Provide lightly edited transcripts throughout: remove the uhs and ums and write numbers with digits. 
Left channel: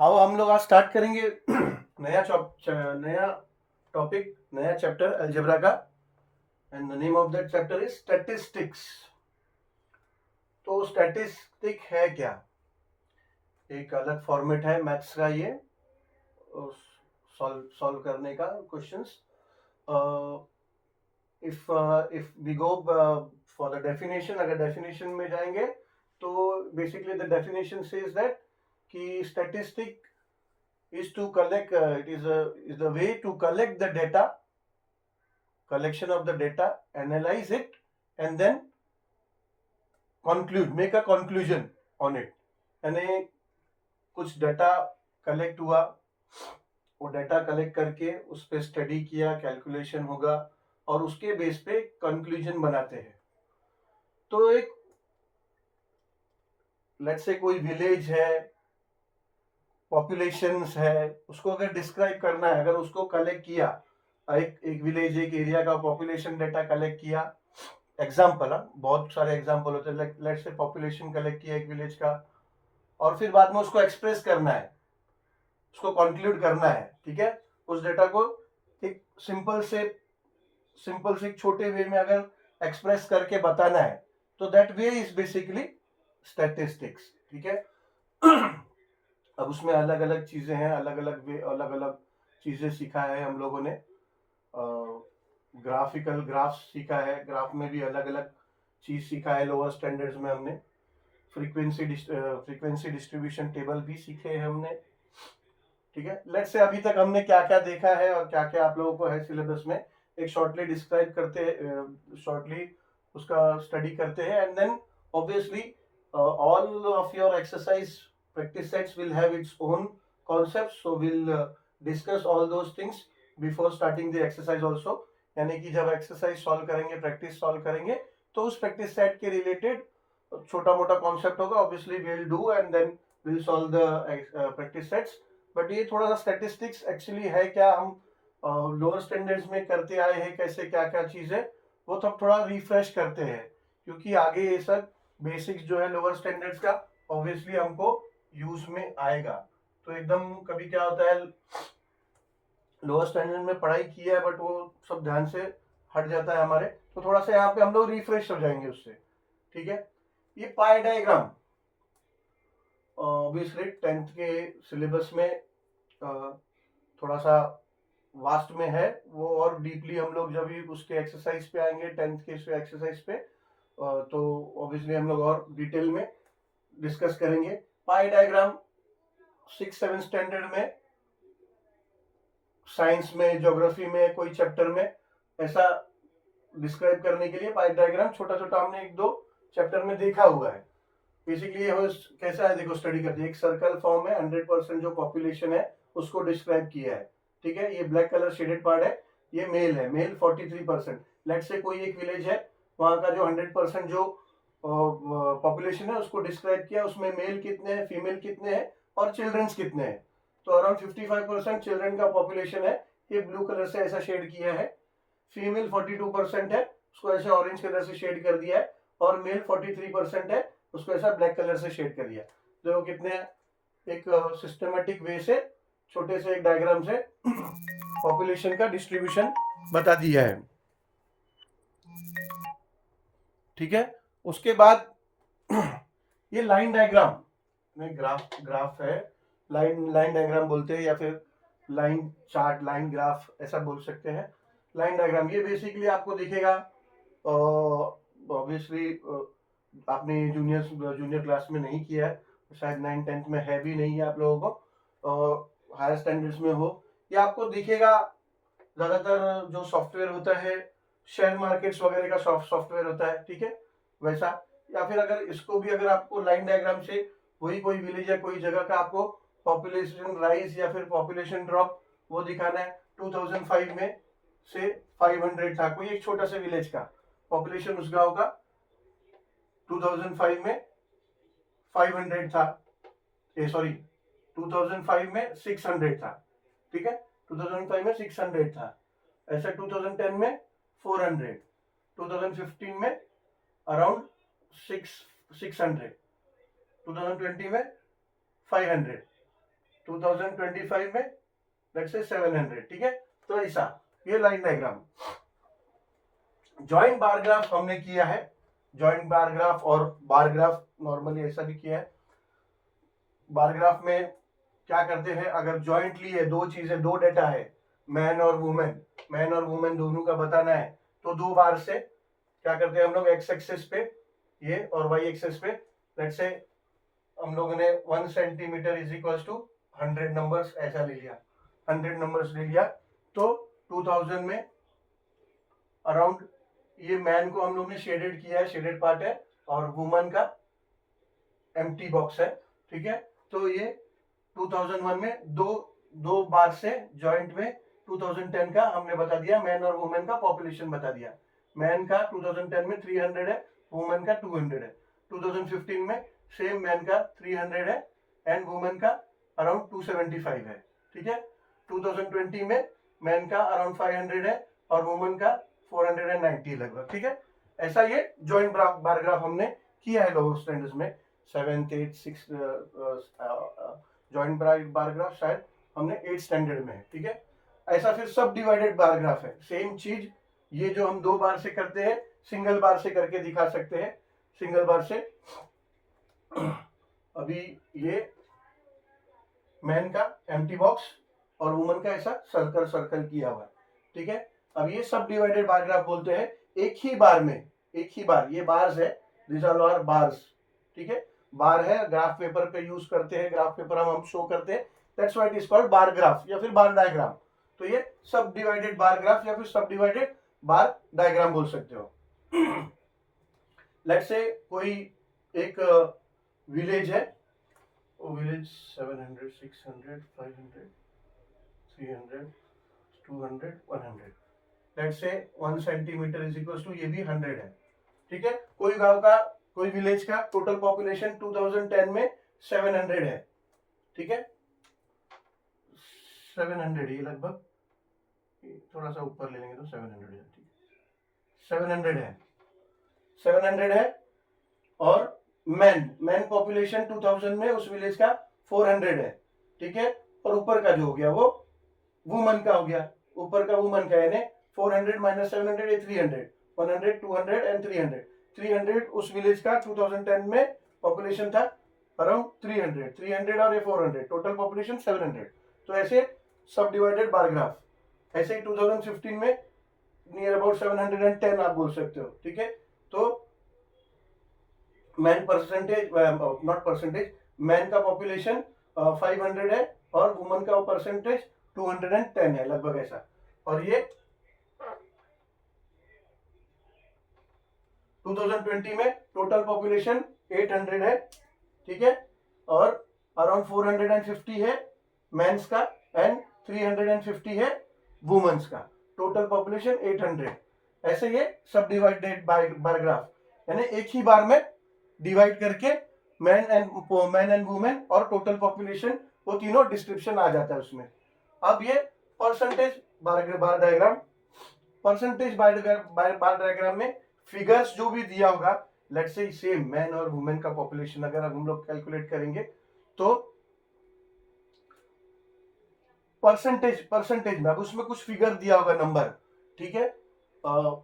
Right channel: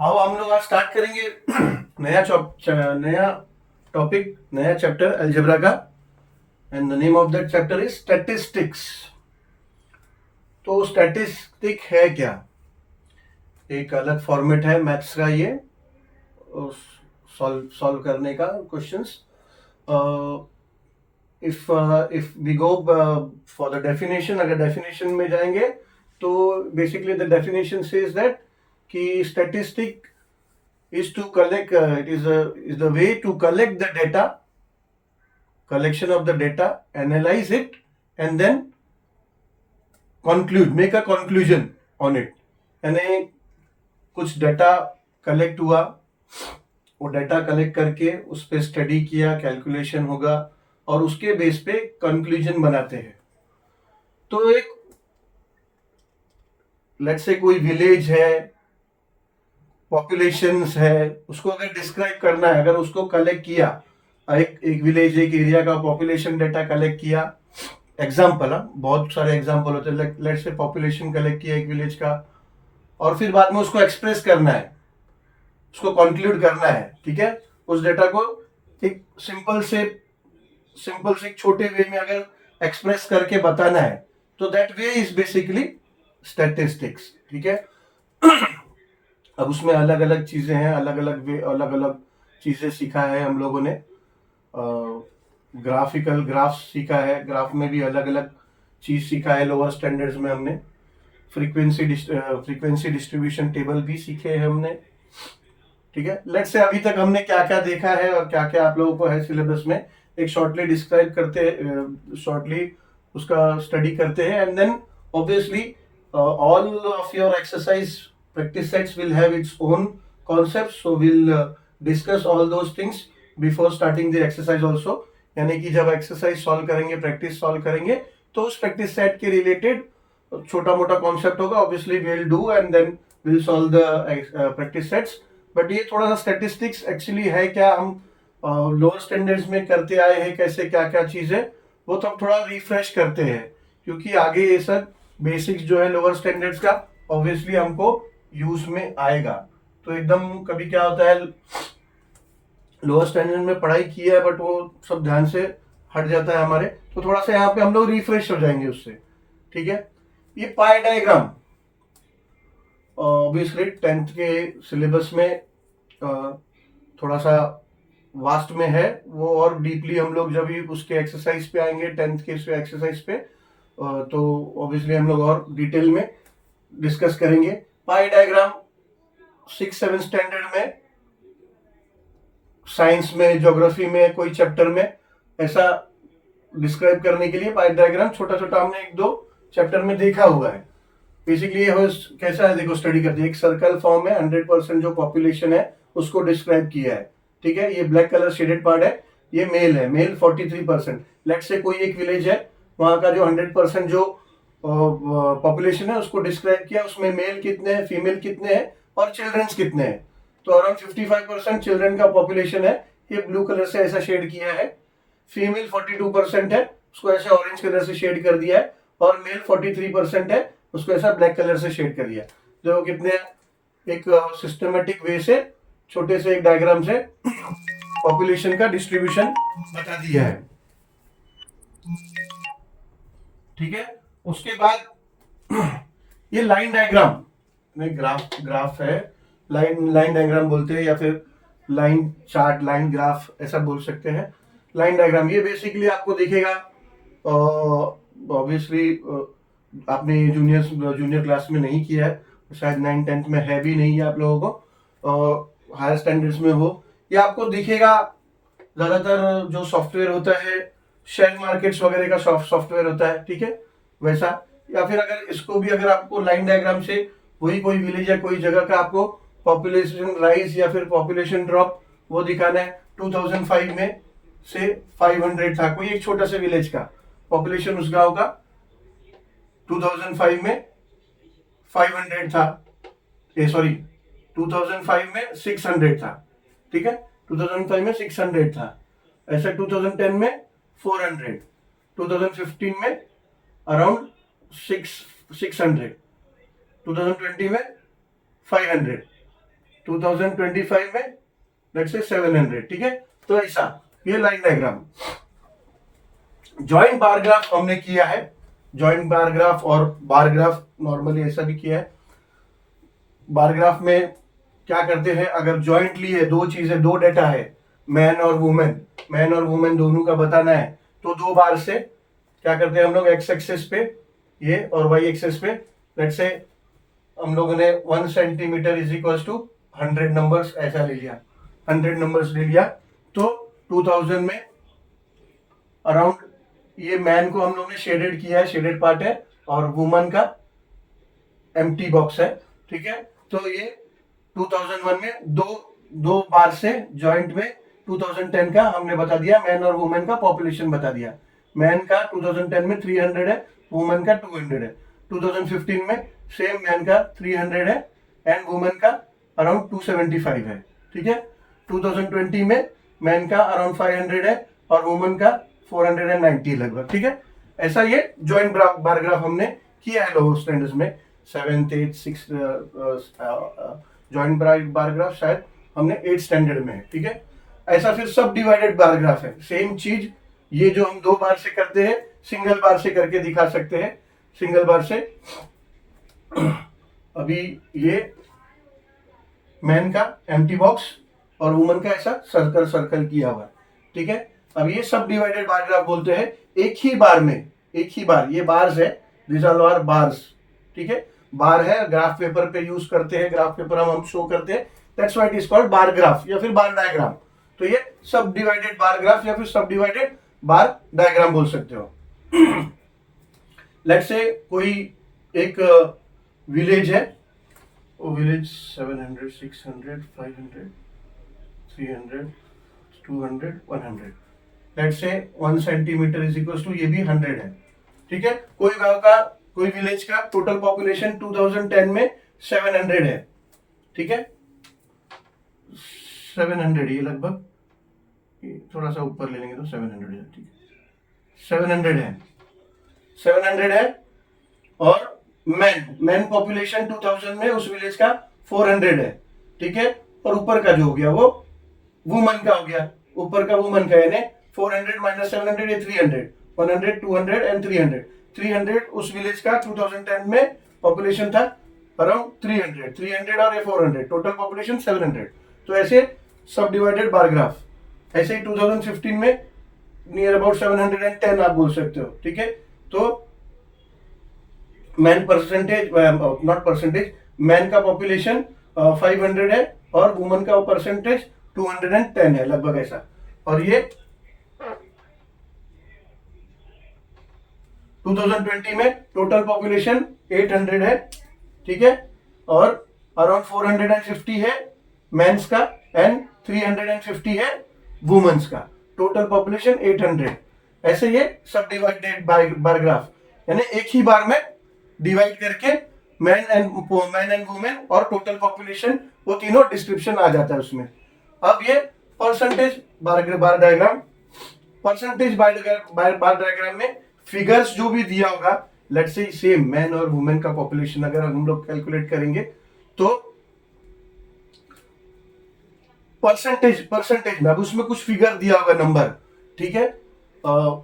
आओ हम लोग आज स्टार्ट करेंगे नया टॉपिक, नया चैप्टर अलजेब्रा का। And the name of that chapter is statistics. तो स्टैटिस्टिक है क्या? एक अलग फॉर्मेट है मैथ्स का, ये सॉल्व सॉल्व करने का questions. If we go for the definition, अगर डेफिनेशन में जाएंगे तो basically the definition says that कि statistic is to collect is the way to collect the data, collection of the data, analyze it, and then conclude, make a conclusion on it. यानी कुछ data collect हुआ, वो data collect करके उस पर study किया, calculation होगा और उसके बेस पे कंक्लूजन बनाते हैं। तो एक लेट्स से कोई विलेज है, पॉपुलेशंस है, उसको अगर डिस्क्राइब करना है, अगर उसको कलेक्ट किया, एक एक विलेज, एक एरिया का पॉपुलेशन डाटा कलेक्ट किया, एग्जाम्पल, बहुत सारे एग्जाम्पल होते हैं, लेट्स से पॉपुलेशन कलेक्ट किया एक विलेज का, और फिर बाद में उसको एक्सप्रेस करना है, उसको कंक्लूड करना है, ठीक है। उस डेटा को एक सिंपल से एक छोटे वे में अगर एक्सप्रेस करके बताना है, तो that way is basically statistics, ठीक है। अब उसमें अलग अलग चीजें हैं, अलग अलग चीजें सीखा है हम लोगों ने। ग्राफिकल ग्राफ सीखा है, ग्राफ में भी अलग अलग चीज सीखा है। लोअर स्टैंडर्ड्स में हमने फ्रीक्वेंसी डिस्ट्रीब्यूशन टेबल भी सीखे हैं हमने, ठीक है। लेट्स से अभी तक हमने क्या क्या देखा है और क्या क्या आप लोगों को है सिलेबस में, एक शॉर्टली डिस्क्राइब करते, शॉर्टली उसका स्टडी करते हैं। And then obviously all of your exercise practice sets will have its own concepts, so we'll discuss all those things before starting the exercise also। यानी कि जब एक्सरसाइज सॉल्व करेंगे, practice solve करेंगे, तो उस प्रैक्टिस सेट के related छोटा मोटा कॉन्सेप्ट होगा, obviously we will do and then will solve the practice sets. But ये थोड़ा सा स्टैटिस्टिक्स एक्चुअली है क्या, हम लोअर स्टैंडर्ड्स में करते आए हैं, कैसे क्या क्या चीज है, वो तब थोड़ा रिफ्रेश करते हैं, क्योंकि आगे ये सब बेसिक्स जो है लोअर स्टैंडर्ड्स का ऑब्वियसली हमको यूज में आएगा। तो एकदम कभी क्या होता है, लोअर स्टैंडर्ड में पढ़ाई की है बट वो सब ध्यान से हट जाता है हमारे, तो थोड़ा सा यहाँ पे हम लोग रिफ्रेश हो जाएंगे उससे, ठीक है। ये पाई डायग्राम ऑब्वियसली 10th के सिलेबस में थोड़ा सा वास्ट में है वो, और डीपली हम लोग जब भी उसके एक्सरसाइज पे आएंगे 10th के एक्सरसाइज पे, तो ऑब्वियसली हम लोग और डिटेल में डिस्कस करेंगे। पाई डायग्राम 6-7 स्टैंडर्ड में, साइंस में, ज्योग्राफी में, कोई चैप्टर में ऐसा डिस्क्राइब करने के लिए पाई डायग्राम छोटा छोटा हमने एक दो चैप्टर में देखा हुआ है। बेसिकली ये कैसा है, देखो स्टडी करते हैं, एक सर्कल फॉर्म है, 100% जो पॉपुलेशन है उसको डिस्क्राइब किया है, ठीक है। ये ब्लैक कलर शेडेड पार्ट है, ये मेल है, मेल 43%। लेट से कोई एक विलेज है, वहां का जो 100% जो पॉपुलेशन है उसको डिस्क्राइब किया, उसमें मेल कितने हैं, फीमेल कितने हैं और चिल्ड्रंस कितने हैं। तो अराउंड 55% चिल्ड्रन का पॉपुलेशन है, ये ब्लू कलर से ऐसा शेड किया है। फीमेल 42% है, उसको ऐसे ऑरेंज कलर से शेड कर दिया है, और मेल 43% है, उसको ऐसा ब्लैक कलर से शेड कर दिया। जो कितने एक सिस्टमेटिक वे से छोटे से एक डायग्राम से पॉपुलेशन का डिस्ट्रीब्यूशन बता दिया है, ठीक है। उसके बाद ये लाइन डायग्राम में, ग्राफ है, लाइन डायग्राम बोलते हैं, या फिर लाइन चार्ट, लाइन ग्राफ ऐसा बोल सकते हैं। लाइन डायग्राम ये बेसिकली आपको दिखेगा, ऑब्वियसली आपने जूनियर क्लास में नहीं किया है, शायद 9th-10th में है भी नहीं आप लोगों को, हायर स्टैंडर्ड्स में हो, ये आपको दिखेगा। ज्यादातर जो सॉफ्टवेयर होता है, शेयर मार्केट्स वगैरह का सॉफ्टवेयर होता है, ठीक है, वैसा। या फिर अगर इसको भी, अगर आपको लाइन डायग्राम से वही कोई विलेज या कोई जगह का आपको पॉपुलेशन राइज या फिर पॉपुलेशन ड्रॉप वो दिखाना है, 2005 में से 500 था, कोई एक छोटा सा विलेज का पॉपुलेशन उस गांव का 2005 में 500 था, सॉरी 2005 में 600 था, ठीक है। 2005 में 600 था, ऐसा 2010 में 400, 2015 में अराउंड 600, 2020 में 500, 2025 में लेट्स से 700, ठीक है। तो ऐसा ये line diagram. Joint bar graph हमने किया है, जॉइंट बार ग्राफ और बार ग्राफ नॉर्मली ऐसा भी किया है। बार ग्राफ में क्या करते हैं, अगर जॉइंटली है, दो चीजें, दो डेटा है, मैन और वुमेन दोनों का बताना है, तो दो बार से क्या करते हैं हम लोग, एक्स एक्सेस पे ये और वाई एक्सेस पे लेट्स से हम लोगों ने 1 centimetre is equal to 100 numbers ऐसा ले लिया, 100 नंबर्स ले लिया। तो 2000 में अराउंड ये मैन को हम लोग ने शेडेड किया है, शेडेड पार्ट है, और वुमन का एम्प्टी बॉक्स है, ठीक है। तो ये 2001 में दो बार से जॉइंट में 2010 का हमने बता दिया, मैन और वुमेन का पॉपुलेशन बता दिया। मैन का 2010 में 300 है, वुमेन का 200 है। 2015 में सेम, मैन का 300 है एंड वुमेन का अराउंड 275 है, ठीक है। 2020 में मैन का अराउंड 500 है और वुमेन का 490 लगभग, ठीक है। ऐसा ये जॉइंट बार ग्राफ हमने किया है लोअर स्टैंडर्ड्स में, 7th 8th 6th joint bar graph शायद हमने 8th स्टैंडर्ड में है, ठीक है। ऐसा फिर सब डिवाइडेड बार ग्राफ है, सेम चीज, ये जो हम दो बार से करते हैं, सिंगल बार से करके दिखा सकते हैं, सिंगल बार से। अभी ये मैन का एम्प्टी बॉक्स और वुमन का ऐसा सर्कल सर्कल किया हुआ है, ठीक है। अब ये सब डिवाइडेड बार ग्राफ बोलते हैं, एक ही बार में, एक ही बार, ये बार्स है, दिस ऑल आर बार्स, ठीक है। बार है, ग्राफ पेपर पे यूज करते हैं, ग्राफ पेपर हम शो करते हैं, that's why it is called bar graph या फिर बार डायग्राम। तो ये सब डिवाइडेड बार ग्राफ या फिर सब डिवाइडेड बार डायग्राम बोल सकते हो। लेट्स से कोई एक विलेज है, वो village 700 600 500 300 200 100, let's say 1 centimetre is equal to, ये भी 100 है, ठीक है। कोई गांव का, कोई विलेज का टोटल पॉपुलेशन 2010 में 700 है, ठीक है। 700, ये लगभग थोड़ा सा ऊपर ले लेंगे तो 700 है, ठीक है। 700 है, 700 है और मैन पॉपुलेशन 2000 में उस विलेज का 400 है, ठीक है। और ऊपर का जो हो गया वो वुमन का हो गया, ऊपर का वुमन का, यानी 400 माइनस 700 ये 300, 100 200 एंड 300। 300 उस विलेज का 2010 में पॉपुलेशन था अराउंड 300 और ये 400, टोटल पॉपुलेशन 700। तो ऐसे सब डिवाइडेड बार ग्राफ, ऐसे ही 2015 में नियर अबाउट 710 आप बोल सकते हो, ठीक है। तो man percentage, not percentage, man का पॉपुलेशन 500 है और वुमन का परसेंटेज 210 है लगभग ऐसा। और ये 2020 में टोटल पॉपुलेशन 800 है, ठीक है। और अराउंड 450 है मेंस का एंड 350 है वुमेन्स का, टोटल पॉपुलेशन 800। ऐसे ये सब डिवाइडेड बार ग्राफ, यानी एक ही बार में डिवाइड करके मैन एंड वुमेन और टोटल पॉपुलेशन, वो तीनों डिस्क्रिप्शन आ जाता है उसमें। अब ये परसेंटेज बार डायग्राम, परसेंटेज बार डायग्राम में फिगर्स जो भी दिया होगा, लेट्स से सेम मैन और वुमेन का पॉपुलेशन अगर हम लोग कैलकुलेट करेंगे तो परसेंटेज में अब उसमें कुछ फिगर दिया होगा नंबर, ठीक है।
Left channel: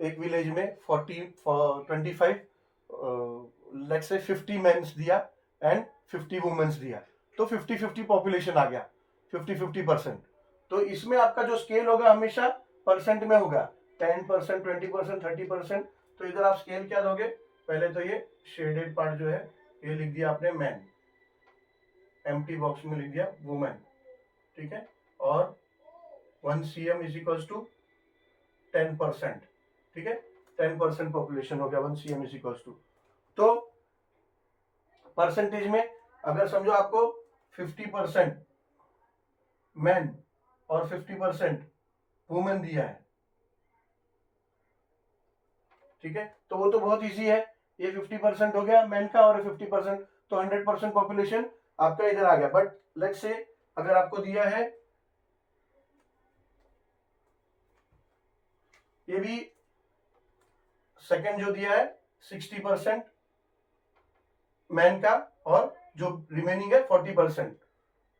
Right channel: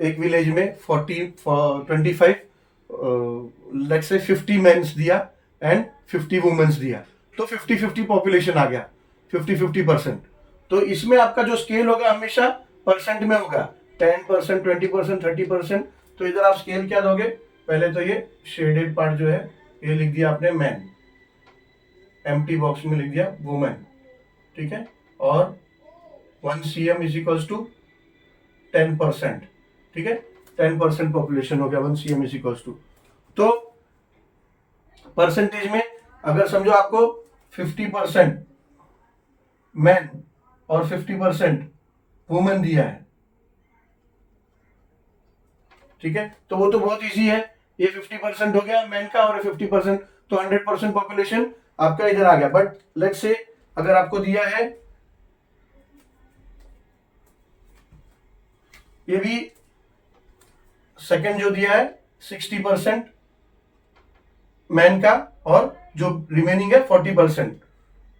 एक विलेज में 25 लेट्स से 50 मेंस दिया एंड 50 वुमेन्स दिया, तो 50-50 पॉपुलेशन आ गया, 50-50%। तो इसमें आपका जो स्केल होगा हमेशा परसेंट में होगा, 10%, 20%, 30%। तो इधर आप स्केल क्या दोगे, पहले तो ये शेडेड पार्ट जो है ये लिख दिया आपने मैन, एम्प्टी बॉक्स में लिख दिया वुमेन, ठीक है। और 1 cm इज इक्वल्स टू 10%, ठीक है। 10% पॉपुलेशन हो गया, 1 cm इज इक्वल्स टू। तो परसेंटेज में अगर समझो आपको 50% मैन और 50% वुमेन दिया है, ठीक है, तो वो तो बहुत इजी है, ये 50% हो गया मैन का और 50%, तो 100% पॉपुलेशन आपका इधर आ गया। बट लेट्स से अगर आपको दिया है, ये भी सेकंड जो दिया है 60% मैन का और जो रिमेनिंग है 40%,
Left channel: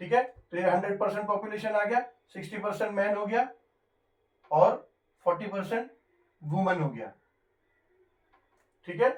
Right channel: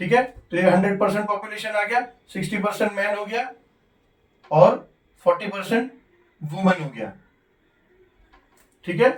ठीक है, तो ये 100% पॉपुलेशन आ गया, 60% मैन हो गया और 40% वुमन हो गया। ठीक है,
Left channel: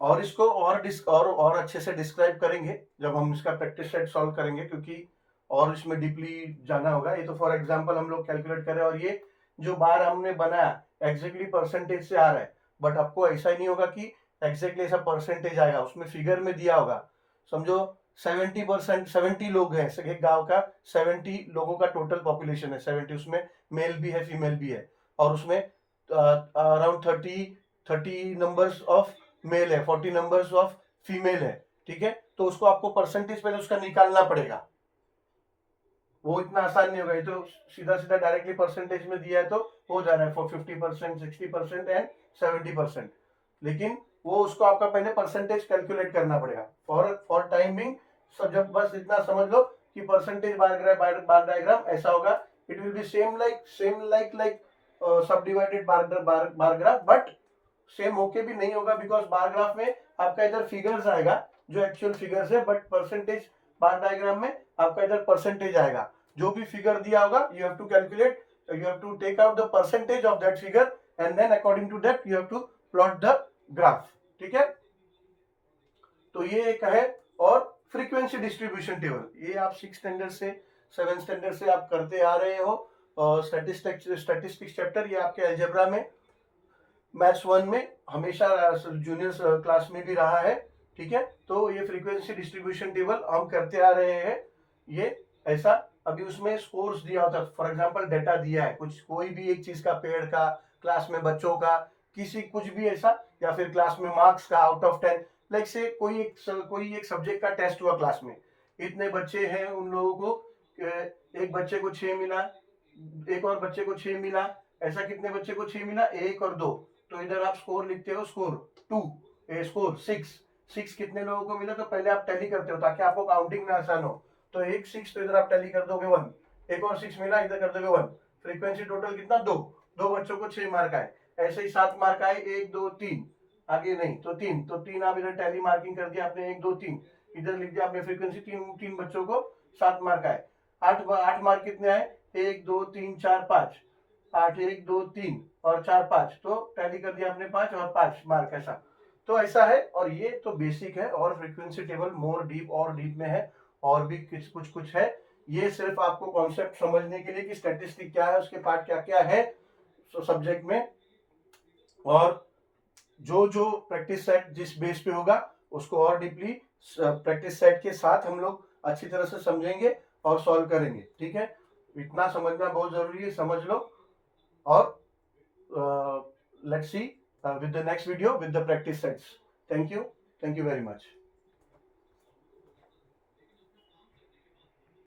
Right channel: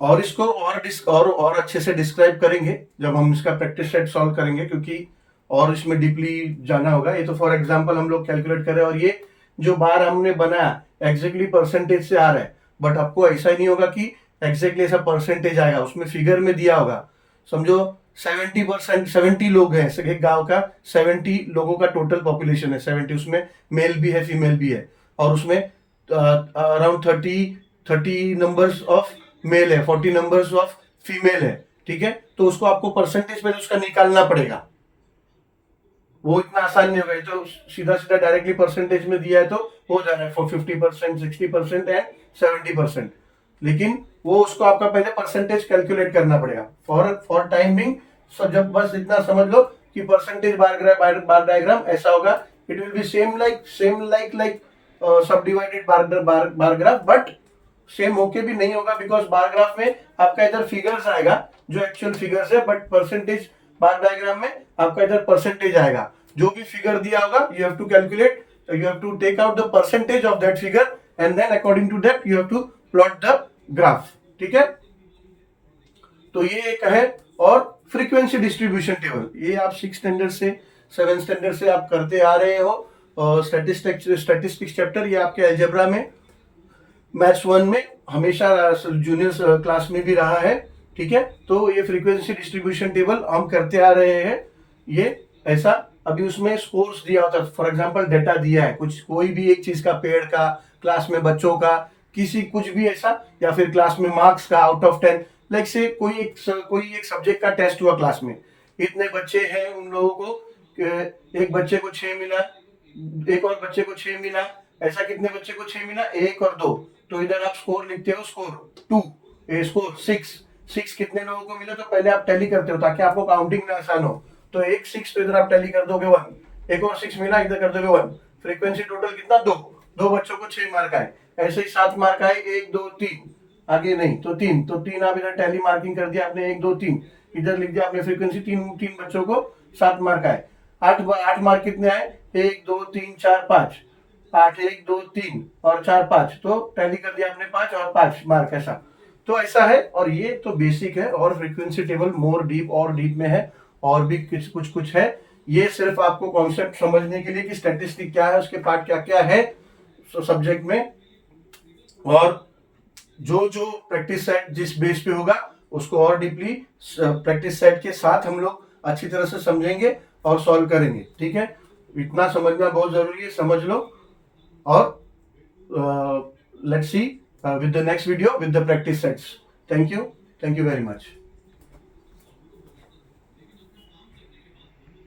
और इसको और अच्छे से डिस्क्राइब करेंगे जब हम इसका प्रैक्टिस सेट सॉल्व करेंगे, क्योंकि और इसमें डीपली जाना होगा। ये तो फॉर एग्जांपल हम लोग कैलकुलेट करें, और ये जो बार हमने बनाया एग्जैक्टली परसेंटेज से आ रहा है, बट आपको ऐसा ही नहीं होगा कि एग्जैक्टली ऐसा परसेंटेज आएगा, उसमें फिगर में दिया होगा। समझो 70%, 70 लोग हैं एक गांव का, 70 लोगों का टोटल पॉपुलेशन है, 70 उसमें मेल भी है फीमेल भी है, और उसमें अराउंड 30 नंबर्स ऑफ मेल है, 40 नंबर्स ऑफ फीमेल है। ठीक है, तो उसको आपको परसेंटेज पहले उसका निकालना पड़ेगा, वो इतना आसान नहीं होगा। ये तो सीधा सीधा डायरेक्टली परसेंटेज में दिया है तो हो जा रहा है फॉर 50%, 60% एंड 70%, लेकिन वो उसको आपका पहले परसेंटेज कैलकुलेट करना पड़ेगा फॉर टाइमिंग। सो जब बस इतना समझ लो कि परसेंटेज बार डायग्राम ऐसा होगा, it will be same like sub divided bar graph, but same होके भी नहीं होगा, बिकॉज बार ग्राफ में आपका इधर फिगर्स आएगा जो एक्चुअल फिगर्स है, बट परसेंटेज बार डायग्राम में आपका इधर परसेंटेज आएगा। जो भी फिगर दिया होगा you have to calculate, you have to take out the percentage of that figure and then according to that you have to plot the graph. ठीक है, तो ये एक है। और फ्रीक्वेंसी डिस्ट्रीब्यूशन टेबल, ये आप 6 स्टैंडर्ड से 7 स्टैंडर्ड से आप करते आ रहे हो। स्टैटिस्टिक्स चैप्टर ये आपके अलजेब्रा में मैथ्स 1 में हमेशा जूनियर क्लास में भी रहा है। ठीक है, तो ये फ्रीक्वेंसी डिस्ट्रीब्यूशन टेबल हम करते आ रहे हैं। ये ऐसा अभी उसमें स्कोर्स दिया होता है, फॉर एग्जांपल डेटा दिया है कुछ, कोई भी एक चीज का, पेड़ का, क्लास में बच्चों का, किसी कुछ भी ऐसा, या फिर क्लास में मार्क्स का आउट ऑफ 10, लाइक से कोई एक सब्जेक्ट का टेस्ट हुआ क्लास में, इतने बच्चे हैं, उन लोगों को एक बच्चे को 6 मिला, एक और बच्चे को 6 मिला, ऐसा कितने बच्चे को 6 मिला, 1 और 2, तो इधर आप स्कोर लिखते हो, स्कोर 2, स्कोर 6 कितने लोगों को मिला, तो पहले आप टैली करते हो ताकि आपको काउंटिंग में आसान हो। तो एक 6 तो इधर आप टैली कर दोगे 1, एक और 6 मिला, इधर कर दोगे 1। फ्रीक्वेंसी टोटल कितना, 2 बच्चों को 6 मार्क आए, ऐसे ही 7 मार्क आए, 1 2 3, आगे नहीं तो 3 आप इधर टैली मार्किंग कर दिया आपने, 1 2 3 इधर लिख दिया आपने फ्रीक्वेंसी, 3 बच्चों को 7 मार्क आए। 8 मार्क कितने आए, 1 2 3 4 5, 8 1 2 3 और 4 5, तो टैली कर दिया आपने 5 और 5 मार्क, ऐसा। तो ऐसा है, और ये तो बेसिक है, और फ्रीक्वेंसी टेबल मोर डीप और डीप में है, और भी कुछ है। ये सिर्फ आपको कॉन्सेप्ट समझने के लिए कि स्टैटिस्टिक क्या है, उसके पार्ट क्या क्या है सब्जेक्ट में, और जो प्रैक्टिस सेट जिस बेस पे होगा उसको और डीपली प्रैक्टिस सेट के साथ हम लोग अच्छी तरह से समझेंगे और सॉल्व करेंगे। ठीक है, इतना समझना बहुत जरूरी है, समझ लो। और let's see with the next video with the practice sets. Thank you very much.